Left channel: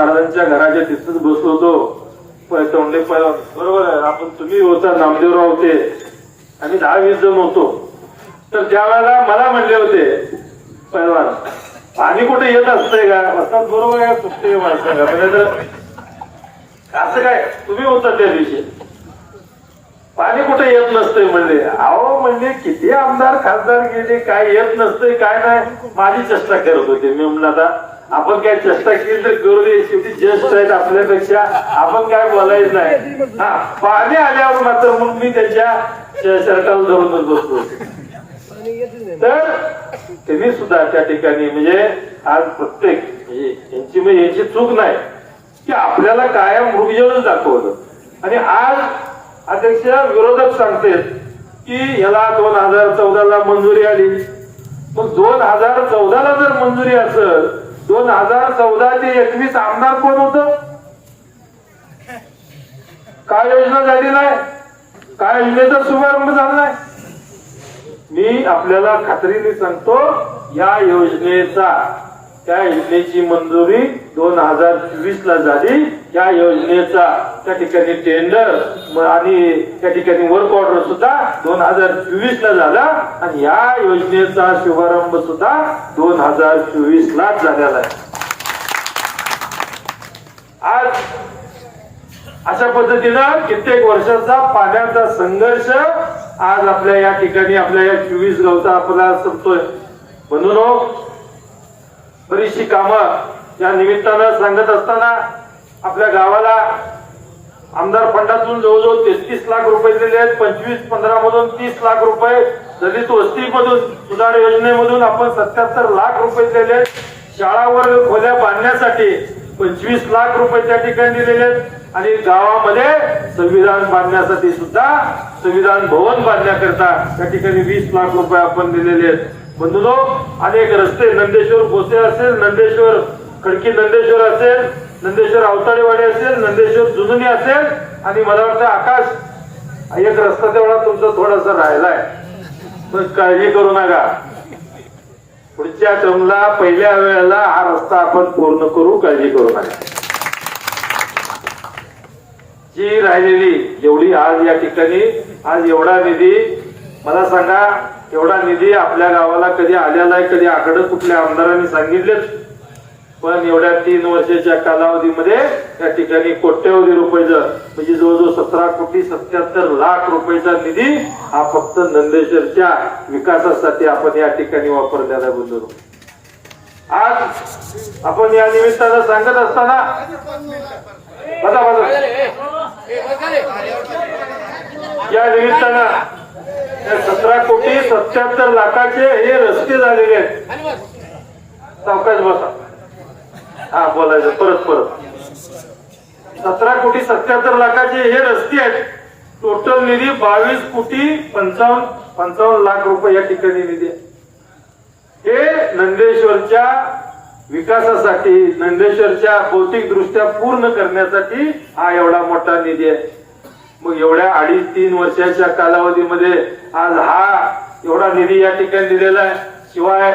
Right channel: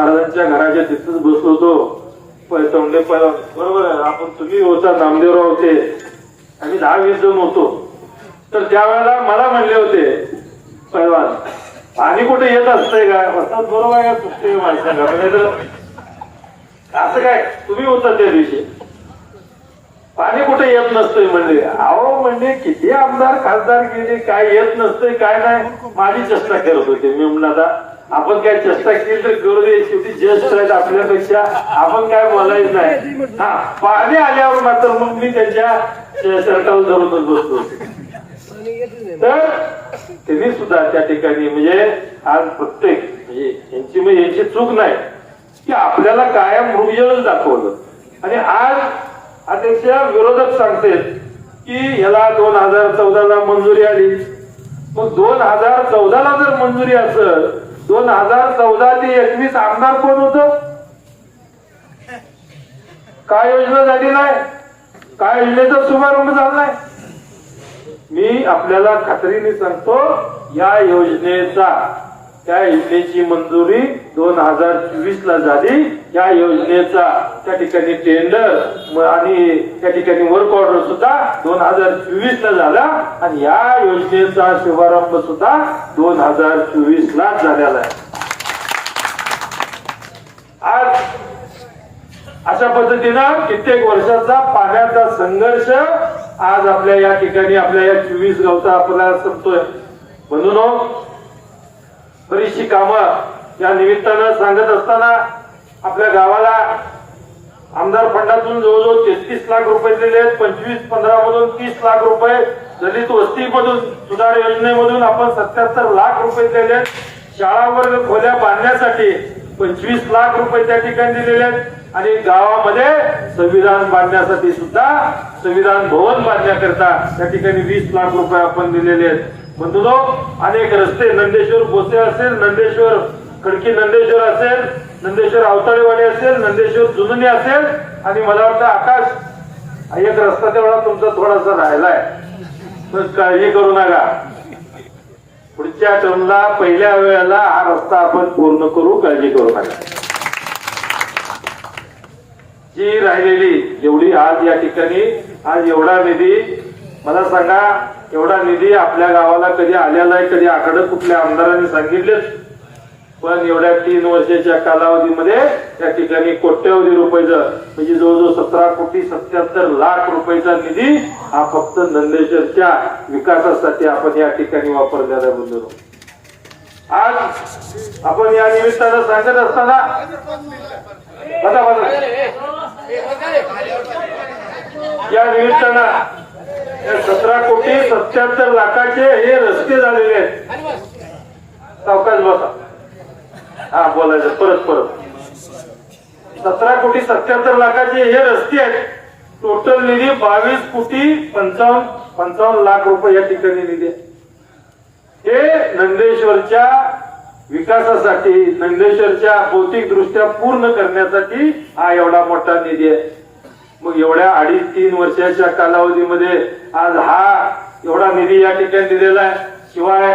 महाराजांच्या घराच्या तिथंच बसलो होतो तोंडे बरोबर आहे. आपण तुम्ही होता नामदेवराव होते आणि दहा वीस जण होतो. तर त्यावेळेला मला म्हणले होते पैलवान पाणी कुठे येत असतंय का? बरोबर आहे कुठे माणसाला म्हणजे असं काय? तुम्ही होता त्या दिवशी. पाणी कुठे येत नसतंय? म्हणले. अहो म्हणजे किती आमदार खासदार गेले काय येत नसतंय काय नाही. माझी चेष्टा करत होते मी म्हणून आता आपण काय चेष्टा केली तर करू दे शेवटी ज्येष्ठ आहेत आपल्यापेक्षा. आपण काय बोलायचं नाही. हा पाणी आल्यावर मात्र मग मी त्याच्या सरकारला धरून बसतो. तर त्यांनी सुद्धा त्या ठिकाणी म्हणजे आज प्रत्येक म्हणजे यांची म्हणजे यांची चूक नाही. की आपल्याला कायम मृगजळच दाखवलं. आणि आज अध्यक्ष विरोधक सांगते की ह्याला दोन हजार चौदाला मंजुरी आली. मग दोन हजार चौदाला जर मंजुरी असेल दोन हजार चौदा ते एकवीस आमदार कोण होत? काय योजना झाली नाही? काय योजनेचा शुभारंभ झाला नाही? मी आपल्याला खात्रीने सांगतो या योजनेचा त्या योजनेची मंजुरी दोन हजार चोवीस ला झाली. त्या योजनेचा त्या ठिकाणी टेंडर आणि त्या ठिकाणी वर्क ऑर्डर सुद्धा दोन हजार चोवीस ला झाला. आणि या योजनेचा शुभारंभ सुद्धा दोन हजार चोवीस लाच झालेला आहे. आज अशा पद्धतीनं कित्येक वर्षाचा पाण्याचा संघर्ष आज आपल्या या ठिकाणी आपल्या या चोवीस गावचा आपल्याला संपतोय म्हणून हो, बरीचशी कामं या निमित्तानं सांगत असताना आपल्या गावाला आमदार फंडातून जवळजवळ तेहतीस लाख रुपये दिले आहेत. पंचवीस पंधरा मधून तीस लाख रुपये दलित वस्तीमधून सुधार योजनेमधून आपण सत्याहत्तर लाख रुपये दिले आहेत. शाळावर खोल्या बांधण्यासाठी पंचवीस लाख रुपये त्या ठिकाणी दिलेले आहेत. आणि गावामध्ये संविधान बांधण्यासाठी सुद्धा संविधान भवन बांधण्याकरता त्या ठिकाणी वीस लाख रुपये आपण दिलेले आहेत. म्हणतो तो अनेक रस्ते नंदेश्वर बोसे असेल नंदेश्वर खडकी नंदेश्वर असेल नंदेश्वर आवताळेवाडी असेल नंदेश्वर जुनुनी असेल आणि मला वाटतं आकाश एक रस्ता तेवढा तुमचा थोडासा राहिलाय. तर काळजी करू नका. पुढच्या क्रमला पहिल्या वेळेला हा रस्ता आपण पूर्ण करू काळजी करू नका. जी राहिलेली एवढी आज या ठिकाणी आज एवढा निधी मला सांगा एवढा निधी आपल्या गावाला कधी आलेला आहे कधी आकडे कुठल्या आमदारांनी सांगितलेच पण एवढ्या तीन वर्षाच्या कालावधीमध्ये त्या ठिकाणी कोट्यवधी रुपयाचं म्हणजे जवळजवळ सतरा कोटी सत्याहत्तर लाख रुपयाचा निधी हा फक्त नंदेश्वरच्या विकासासाठी आपण या ठिकाणी वापरलेला बंधू आज आपण या निमित्तानं सांगत असताना बघा बघा. या निमित्तानं सतरा कोटी सत्याहत्तर लाखाचे हे रस्ते झालेले आहेत. सावकाश बसा. हा बोलायचं. परत परत. सतरा कोटी सत्याहत्तर लाखाचे हे रस्ते आहेत. टोटल निधी बावीस कोटी पंचावन्न पंचावन्न लाख रुपये या ठिकाणी निधी हे नंदेश्वरच्या विकासासाठी नंदेश्वरच्या भौतिक दृष्ट्या पूर्ण करण्यासाठी हा एवढा मोठा निधी आहे. मग एवढ्या अडीच तीन वर्षाच्या कालावधीमध्ये आज हा एवढा निधी या ठिकाणी दिलेला आहे. शिवाय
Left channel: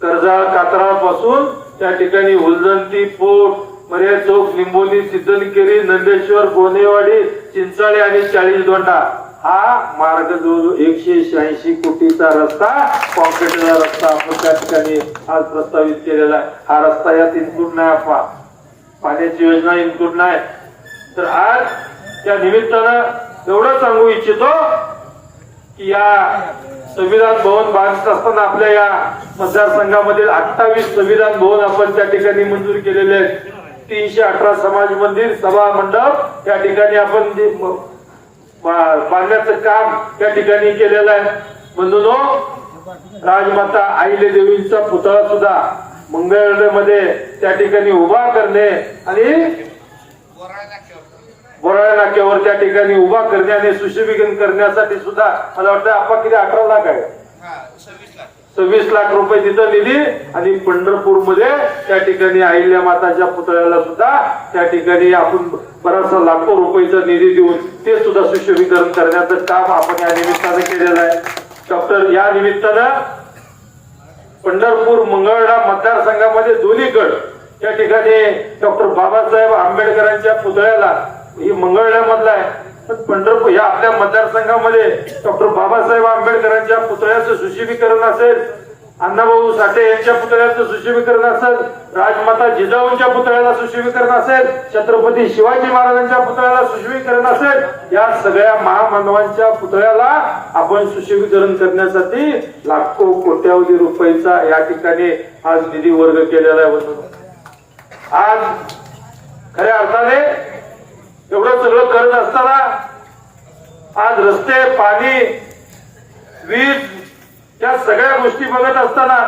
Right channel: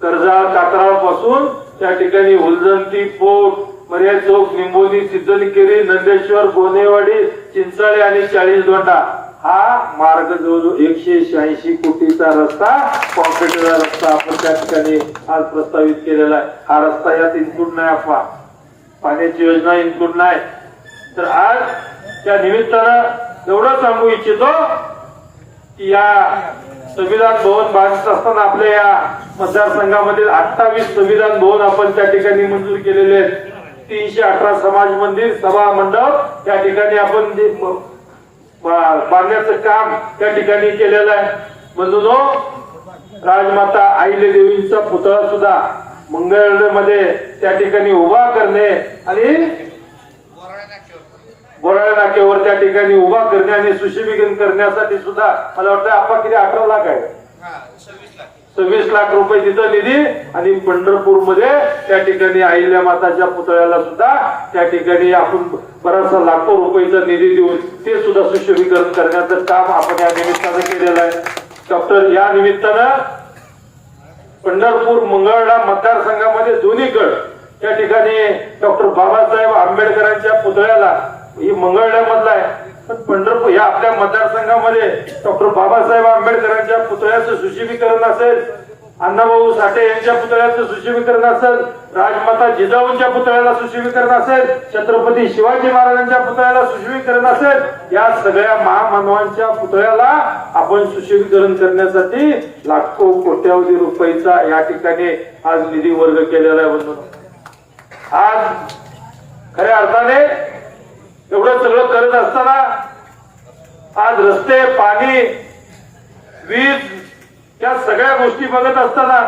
कर्जाळ कात्राळपासून त्या ठिकाणी उलजंती पोट पर्याय चौक निंबोली सिद्धनकेरी नंदेश्वर गोनेवाडी चिंचाळे आणि चाळीस दोंडा हा मार्ग जवळजवळ एकशे शहाऐंशी कोटीचा रस्ता कॉन्क्रीटचा रस्ता आपण त्या ठिकाणी आज प्रस्तावित केलेला आहे. हा रस्ता यात इन्क्लूड नाही आपला पाण्याची योजना इन्क्लूड नाही. तर आज त्या निमित्तानं एवढं सांगू इच्छितो की या संविधान भवन बांधत असताना आपल्या या मतदारसंघामधील अठ्ठावीस संविधान भवन आपण त्या ठिकाणी मंजूर केलेले आहेत. तीनशे अठरा समाज मंदिर सभा मंडप त्या ठिकाणी आपण जे बांधण्याचं काम त्या ठिकाणी केलेलं आहे. म्हणून राजमाता आईले देवींचा पुतळा सुद्धा मंगळमध्ये त्या ठिकाणी उभा करणे आणि बोराळा नाक्यावर त्या ठिकाणी उभा करणे आणि सुशोभीकरण करण्यासाठी सुद्धा मला वाटतं आपण किती अठरा लाख आहे. सव्वीस लाख रुपये तिथं निधी आणि पंढरपूरमध्ये त्या ठिकाणी अहिल्या माताच्या पुतळ्याला सुद्धा त्या ठिकाणी आपण बराचसा लाखो रुपयेचा निधी देऊन ते सुद्धा सुशोभीकरण करण्याचं काम आपण या निमित्तानं केलेलं आहे. डॉक्टर या निमित्तानं पंढरपूर मंगळडा मतदारसंघामध्ये दोन्ही गट त्या ठिकाणी डॉक्टर बाबासाहेब आंबेडकरांच्या पुतळ्याला ही मंगळवेढ्यामधला आहे. पण पंढरपूर या आपल्या मतदारसंघामध्ये डॉक्टर बाबासाहेब आंबेडकरांच्या पुतळ्याचं सुशोभीकरण असेल अण्णाभाऊ साठे यांच्या पुतळ्याचं सुशोभीकरण असेल राजमाता जिजाऊंच्या पुतळ्याला सुशोभीकरण असेल छत्रपती शिवाजी महाराजांच्या पुतळ्याला सुशोभीकरण असेल या सगळ्या महामानवांच्या पुतळ्याला आपण सुशोभीकरण करण्यासाठी लाखो कोट्यावधी रुपयाचा या ठिकाणी आज निधी वर्ग केलेला आहे. आज खऱ्या अर्थाने एवढं सगळं करत असताना आज रस्ते पाणी वीज या सगळ्या गोष्टी बघत असताना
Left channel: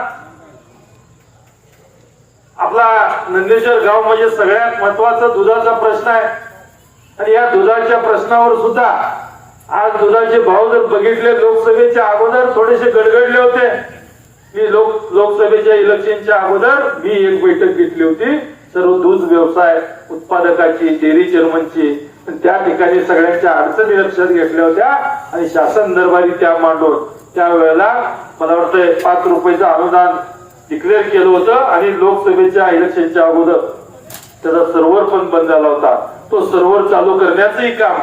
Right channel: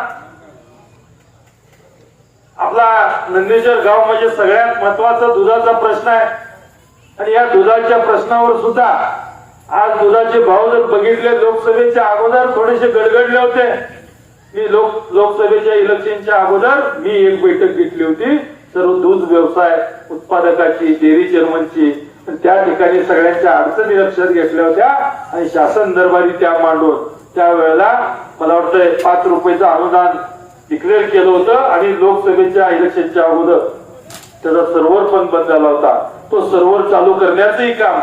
आपला नंदेश्वर गाव म्हणजे सगळ्यात महत्त्वाचा दुधाचा प्रश्न आहे. आणि या दुधाच्या प्रश्नावर सुद्धा आज दुधाचे भाव जर बघितले लोकसभेच्या अगोदर थोडेसे गडगडले होते. मी लोक लोकसभेच्या इलेक्शनच्या अगोदर मी एक बैठक घेतली होती. सर्व दूध व्यवसाय उत्पादकाची डेअरी चेअरमनची त्या ठिकाणी सगळ्यांच्या अडचणी लक्षात घेतल्या होत्या आणि शासन दरबारी त्या मांडून त्यावेळेला मला वाटतं पाच रुपयाचं अनुदान डिक्लेअर केलं होतं आणि लोकसभेच्या इलेक्शनच्या अगोदर त्याचा सर्व्हर पण बंद झाला होता. तो सर्व्हर चालू करण्याचंही काम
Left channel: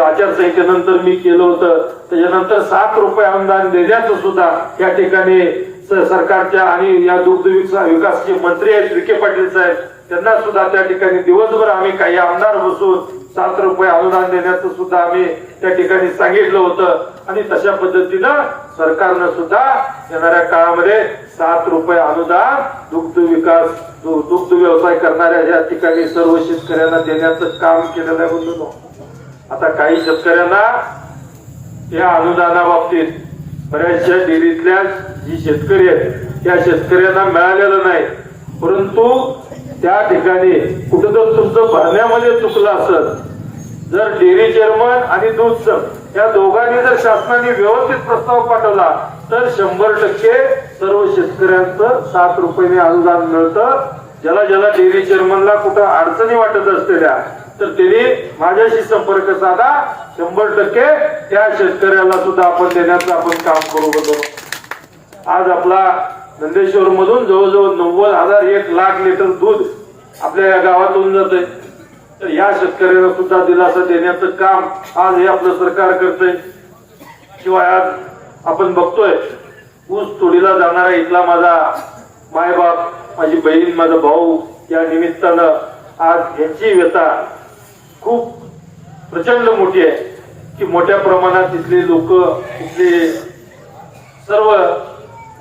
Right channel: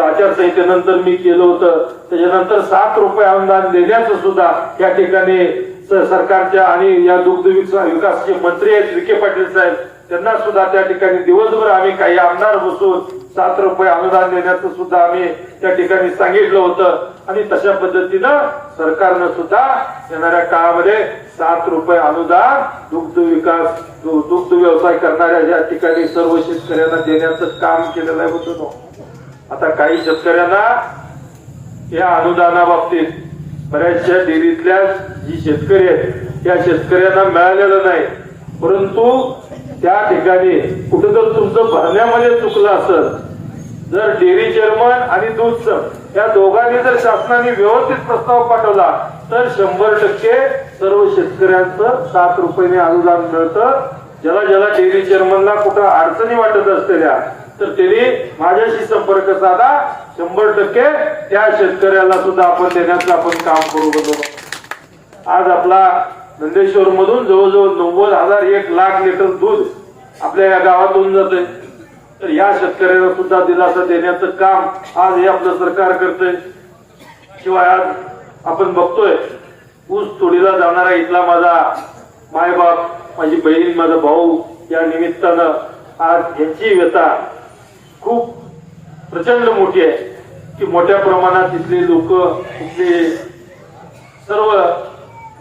आचारसंहितेनंतर मी केलं होतं. त्याच्यानंतर सात रुपये अनुदान देण्याचं सुद्धा या ठिकाणी सरकारच्या आणि या दुग्ध विकास विकासचे मंत्री आहेत विखे पाटील साहेब त्यांना सुद्धा त्या ठिकाणी दिवसभर आम्ही काही आमदार बसून सात रुपये अनुदान देण्याचं सुद्धा आम्ही त्या ठिकाणी सांगितलं होतं. आणि तशा पद्धतीनं सरकारनं सुद्धा येणाऱ्या काळामध्ये सात रुपये अनुदान दुग्ध विकास दुग्ध व्यवसाय करणाऱ्या या ठिकाणी सर्व शेतकऱ्यांना देण्याचं काम केलं नाही आता काही शेतकऱ्यांना या अनुदानाबाबतीत बऱ्याचशा डेअरीतल्या जी शेतकरी आहेत त्या शेतकऱ्यांना मिळालेलं नाही. परंतु त्या ठिकाणी कुठेतरी तुमचं भरण्यामध्ये चुकलं असेल जर डेअरी चेअरमन आणि दूध सर या दोघांनी जर शासनाने व्यवस्थित प्रस्ताव पाठवला तर शंभर टक्के सर्व शेतकऱ्यांचं सात रुपयाने अनुदान मिळतं. ज्याला ज्याला डेअरी चेअरमनला कुठं अडचणी वाटत असलेल्या तर त्यांनी माझ्याशी संपर्क साधा. शंभर टक्के त्या शेतकऱ्याला सुद्धा आपण देण्याचं आपण काम करू बघतो आज आपला नंदेश्वर मधून जवळजवळ नव्वद हजार एक लाख लिटर दूध आपल्या या गावातून जाते तर या शेतकऱ्यांना सुद्धा दिलासा देण्याचं काम आज हे आपलं सरकार करतंय. शिवाय आज आपण बघतोय ऊस तोडीला जाणारा इथला माझा मायबाप माझी बहीण माझा भाऊ या निमित्तानं आज यांची व्यथा खूप प्रचंड मोठी आहे. की मोठ्या प्रमाणात तिथली लोक तिथले सर्व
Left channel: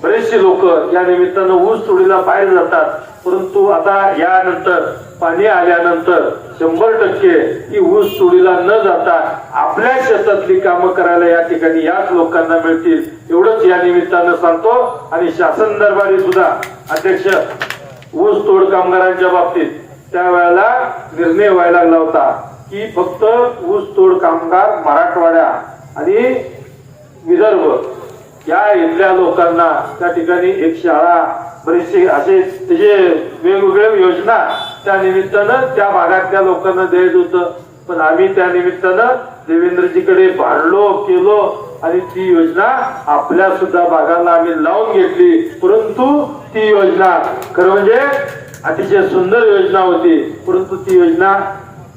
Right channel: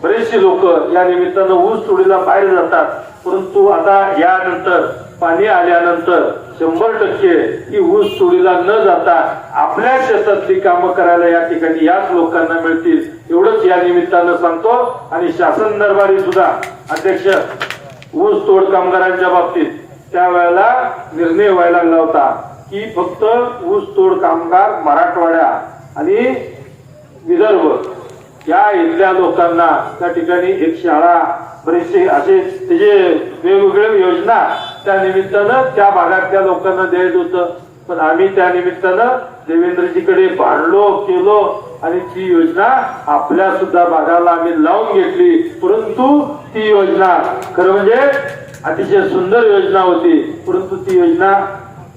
बरेचसे लोक या निमित्तानं ऊस तोडीला बाहेर जातात. परंतु आता यानंतर पाणी आल्यानंतर शंभर टक्के ही ऊस तोडीला न जाता आपल्या शेतातली कामं करायला या ठिकाणी याच लोकांना मिळतील. एवढंच या निमित्तानं सांगतो. आणि शासन दरबारी सुद्धा अध्यक्ष ऊस तोड कामगारांच्या बाबतीत त्यावेळेला निर्णय व्हायला लागला होता की फक्त ऊस तोड कामगार मराठवाड्या आणि विदर्भ या इथल्या लोकांना त्या ठिकाणी एक शाळा बरेचसे असे त्याचे वेगवेगळ्या योजना त्या निमित्तानं त्या भागातल्या लोकांना द्यायचं होतं. पण आम्ही त्या निमित्तानं देवेंद्रजीकडे भांडलो केलो आणि ती योजना आपल्या सुद्धा भागाला आम्ही लावून घेतली. परंतु ती योजना खरं म्हणजे अतिशय सुंदर योजना होती. परंतु ती योजना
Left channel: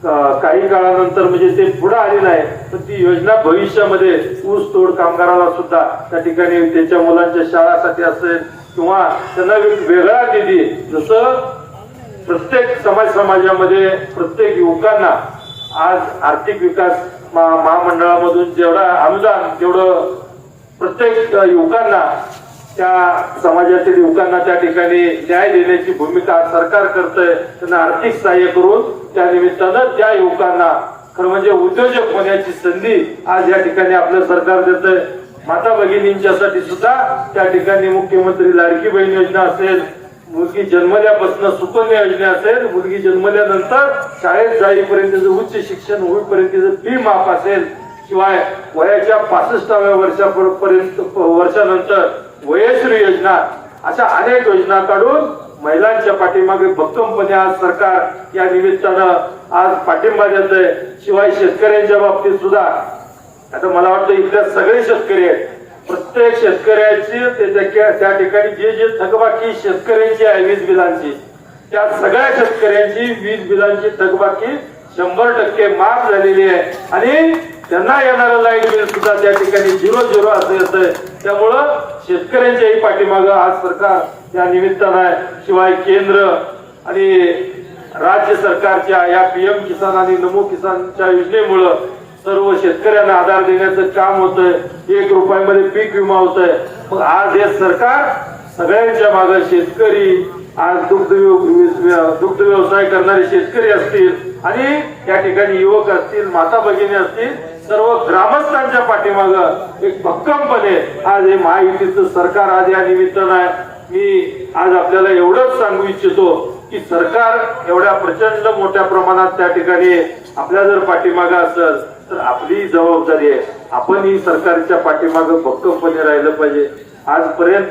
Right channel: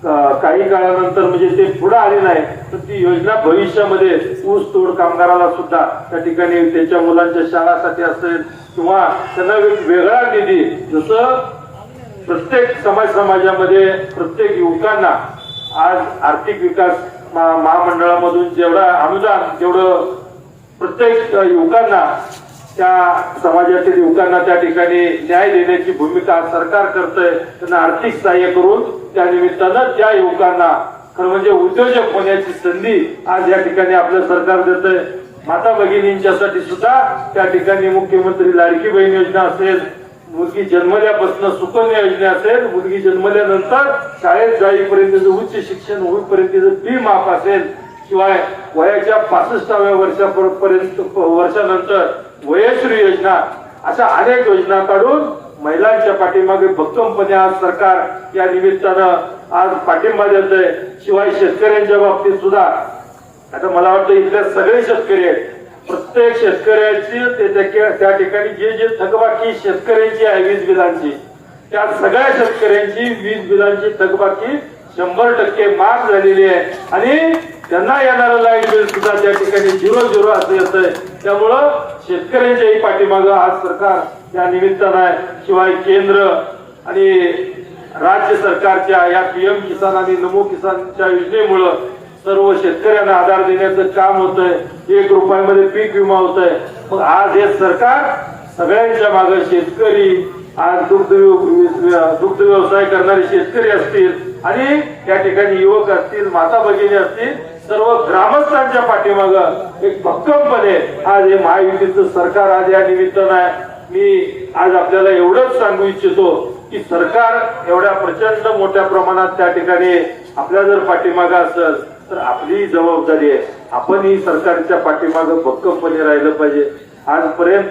काही काळानंतर म्हणजे ते पुढे आले नाही तर ती योजना भविष्यामध्ये ऊस तोड कामगाराला सुद्धा त्या ठिकाणी त्यांच्या मुलांच्या शाळासाठी असेल किंवा त्यांना वेगळा निधी जसं प्रत्येक समाज समाजामध्ये प्रत्येक युवकांना आज आर्थिक विकास महामंडळामधून जेवढा अनुदान तेवढं प्रत्येक युवकांना त्या समाजातील युवकांना त्या ठिकाणी न्याय देण्याची भूमिका सरकार करतंय त्यांना आर्थिक सहाय्य करून त्या निमित्तानं त्या युवकांना खरं म्हणजे उद्योजक होण्याची संधी आज या ठिकाणी आपलं सरकार देतंय. माता भगिनींच्यासाठी सुद्धा त्या ठिकाणी मुख्यमंत्री लाडकी बहीण योजना असेल मुलगी जन्मल्यापासून सुकन्या योजना असेल मुलगी जन्मल्यानंतर शाळेत जाईपर्यंतचं उच्च शिक्षण होईपर्यंतचं फी माफ असेल शिवाय वयाच्या पासष्टाव्या वर्षापर्यंत वर्षानंतर वयश्री योजना अशा अनेक योजना काढून महिलांच्या पाठीमागे भक्कमपणे आज सरकार या निमित्तानं आज पाठिंबा देत आहे शिवाय शेतकऱ्यांच्या बाबतीत सुद्धा. आता मला वाटतं इथल्या सगळे शेतकरी आहेत. प्रत्येक शेतकऱ्याची त्या- त्या ठिकाणी जे जे थकबाकी शेतकऱ्यांची आहे वीज बिलांची त्या सगळ्या शेतकऱ्यांची वीज बिलांची थकबाकी शंभर टक्के माफ झालेली आहे. आणि त्यांना येणारं लाइट बिल सुद्धा त्या ठिकाणी झिरो झिरो असं येतंय. त्यामुळं शेतकऱ्यांच्याही पाठीमागं आज सरकार त्या निमित्तानं आहे. शिवाय केंद्र आणि राज्य सरकारच्या या पीएम किसान आणि नमो किसानच्या योजनेमुळं सर्व शेतकऱ्यांना आधार देण्याचं काम होतंय. एक रुपयामध्ये पीक विमा होतोय. मग आज हे सरकार सगळ्यांच्या मागे शेतकरी आज दुग्ध दुग्ध व्यवसाय करणारे शेतकरी असतील आणि त्या ठिकाणी युवक असतील माता भगिनी असतील सर्व ग्रामस्थांच्या पाठीमाग एक भक्कमपणे आज हे महायुतीचं सरकार आज या निमित्तानं आहे. मी आज आपल्याला एवढंच सांगू इच्छितो की सरकार एवढ्या प्रचंड मोठ्या प्रमाणात त्या ठिकाणी आपल्या जर पाठीमागं असेल तर आपली जबाबदारी आहे. आपण ही सरकारच्या पाठीमागं भक्कमपणे राहिलं पाहिजे. आजपर्यंत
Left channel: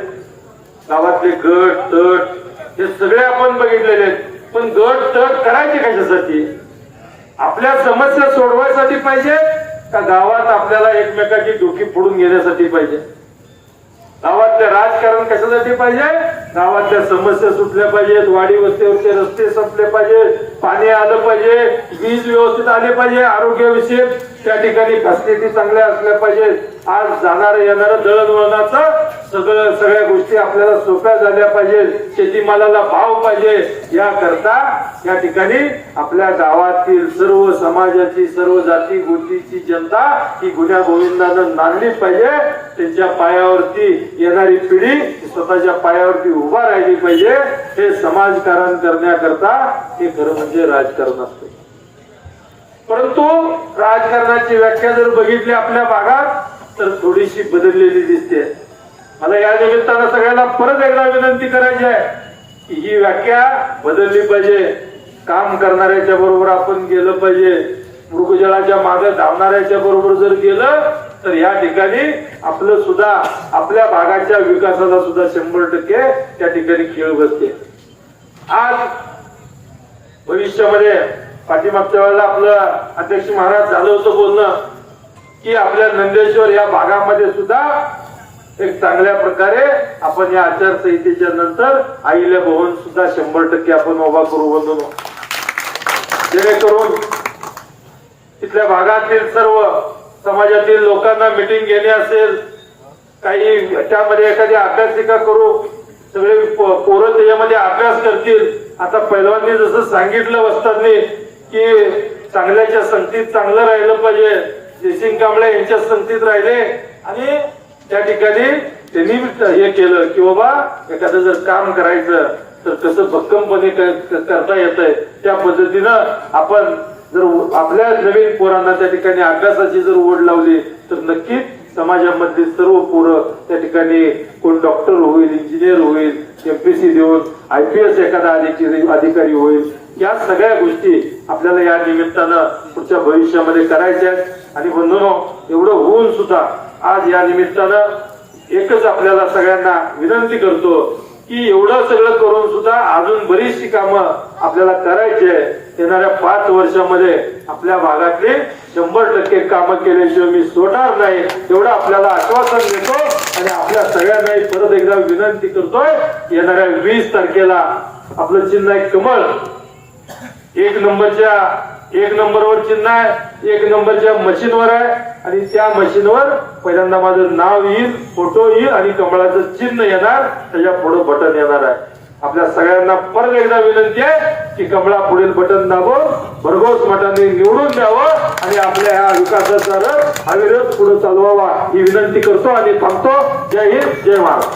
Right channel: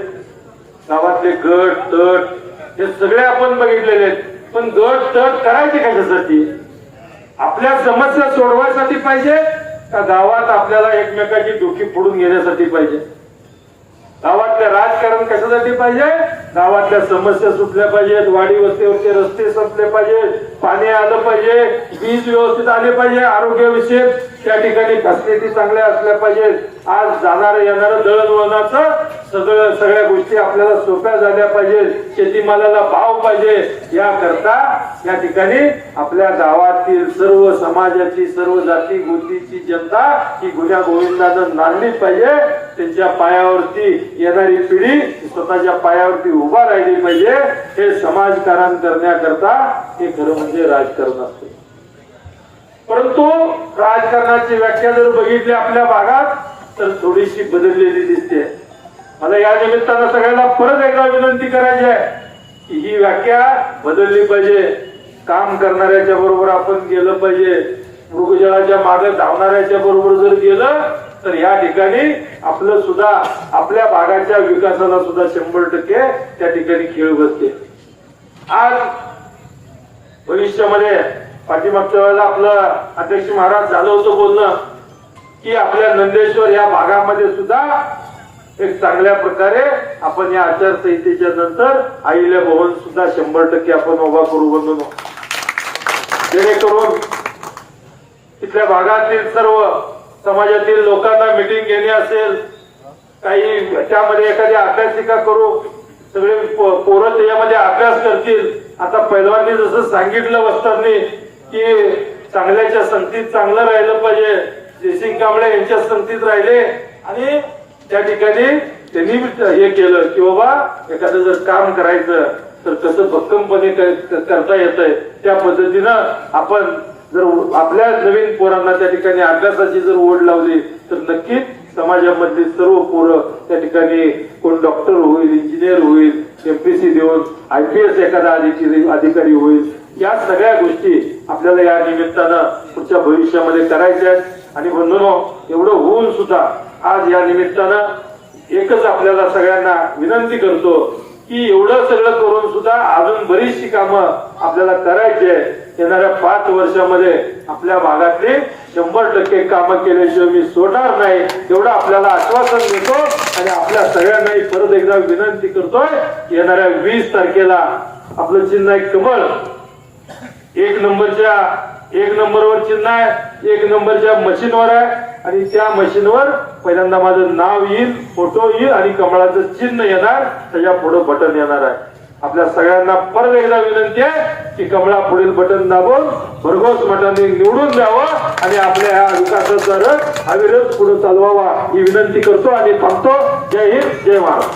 गावातले गट तट हे सगळे आपण बघितलेले आहेत. पण गट तट करायचे कशासाठी? आपल्या समस्या सोडवायसाठी पाहिजे का गावात आपल्याला एकमेकाची डोकी फोडून घेण्यासाठी पाहिजे? गावातलं राजकारण कशासाठी पाहिजे? गावातल्या समस्या सुटल्या पाहिजेत वाडी वस्तीवरचे रस्ते संपले पाहिजेत पाणी आलं पाहिजे वीज व्यवस्थित आले पाहिजे आरोग्यविषयक त्या ठिकाणी फॅसिलिटी चांगल्या असल्या पाहिजेत. आज जाणार येणारं दळणवळणाचं सगळं सगळ्या गोष्टी आपल्याला सोप्या झाल्या पाहिजेत शेतीमालाला भाव पाहिजे. याकरता या ठिकाणी आपल्या गावातील सर्व समाजाची सर्व जाती गोष्टीची जनता ही गुन्ह्या गोविंदानं नांदलीच पाहिजे. त्यांच्या पायावरती येणारी पिढी स्वतःच्या पायावरती उभा राहिली पाहिजे. हे समाजकारण करण्याकरता हे खरं म्हणजे राजकारण असतं. परंतु राजकारणाची व्याख्या जर बघितली आपल्या भागात तर थोडीशी बदललेली दिसते. मला या निमित्तानं सगळ्यांना परत एकदा विनंती करायची आहे की ही व्याख्या बदलली पाहिजे. काम करणाऱ्याच्या बरोबर आपण गेलं पाहिजे. मृगजळाच्या मागे धावणाऱ्याच्या बरोबर जर गेलं तर या ठिकाणी आपलं सुद्धा आपल्या भागाच्या विकासाला सुद्धा शंभर टक्के त्या ठिकाणी खेळ बसते. आज भविष्यामध्ये पाठीमागच्या वेळेला आपलं अध्यक्ष महाराज झालं होतं बोलणं. की आपल्या नंदेश्वर या भागामध्ये सुद्धा एक चांगल्या प्रकारे आपण या आचारसंहितेच्या नंतर आईला भवन सुद्धा शंभर टक्के आपण उभा करू बंधू जेणेकरून तिथल्या भागातील सर्व समाजातील लोकांना मिटिंग घेणे असेल काही त्यामध्ये एखादी अभ्यासिका करू सगळे पोरं त्याच्यामध्ये अभ्यास करतील. आता पैलवानी जसं सांगितलं वस्तांनी की चांगल्याच्या संगतीत चांगलं राहिलं पाहिजे. कांबळे यांच्या संगतीत राहिले आणि त्या ठिकाणी त्यांनी हे केलं की बाबा एखादं जर काम करायचं तर कसं भक्कमपणे करता येतंय. त्या पद्धतीनं आपण जर आपल्या नवीन पोरांना त्या ठिकाणी अभ्यासाची जर ओढ लावली तर नक्कीच समाजामधली सर्व पोरं त्या ठिकाणी कोण डॉक्टर होईल इंजिनियर होईल एमपीसी देऊन आय पी एस एखादा अधिकारी होईल. या सगळ्या गोष्टी आपल्याला या निमित्तानं पुढच्या भविष्यामध्ये करायच्या आहेत. आणि बंधनो एवढं होऊन सुद्धा आज या निमित्तानं एकच आपल्याला सगळ्यांना विनंती करतो की एवढं सगळं करून सुद्धा अजून बरीचशी कामं आपल्याला करायची आहेत. येणाऱ्या पाच वर्षामध्ये आपल्या भागातले शंभर टक्के कामं केल्याशिवाय मी सोडणार नाही. एवढं आपल्याला आश्वासन देतो आणि आपल्या सगळ्यांनाही परत एकदा विनंती करतोय येणाऱ्या वीस तारखेला आपलं चिन्ह कमळ. एक नंबरच्या एक नंबरवर चिन्ह आहे एक नंबरच्या मशीनवर आहे आणि त्या मशीनवर पहिल्यांदा माझं नाव येईल फोटो येईल आणि कमळाचं चिन्ह येणार त्याच्या पुढे बटन येणार आहे. आपल्या सगळ्यांना परत एकदा विनंती आहे की कमळा पुढील बटन दाबून भरघोस मतांनी निवडून द्यावं आणि आपल्या ह्या विकासाचा रथ अविरत पुढे चालवावा. ही विनंती करतो आणि थांबतो. जय हिंद जय महाराज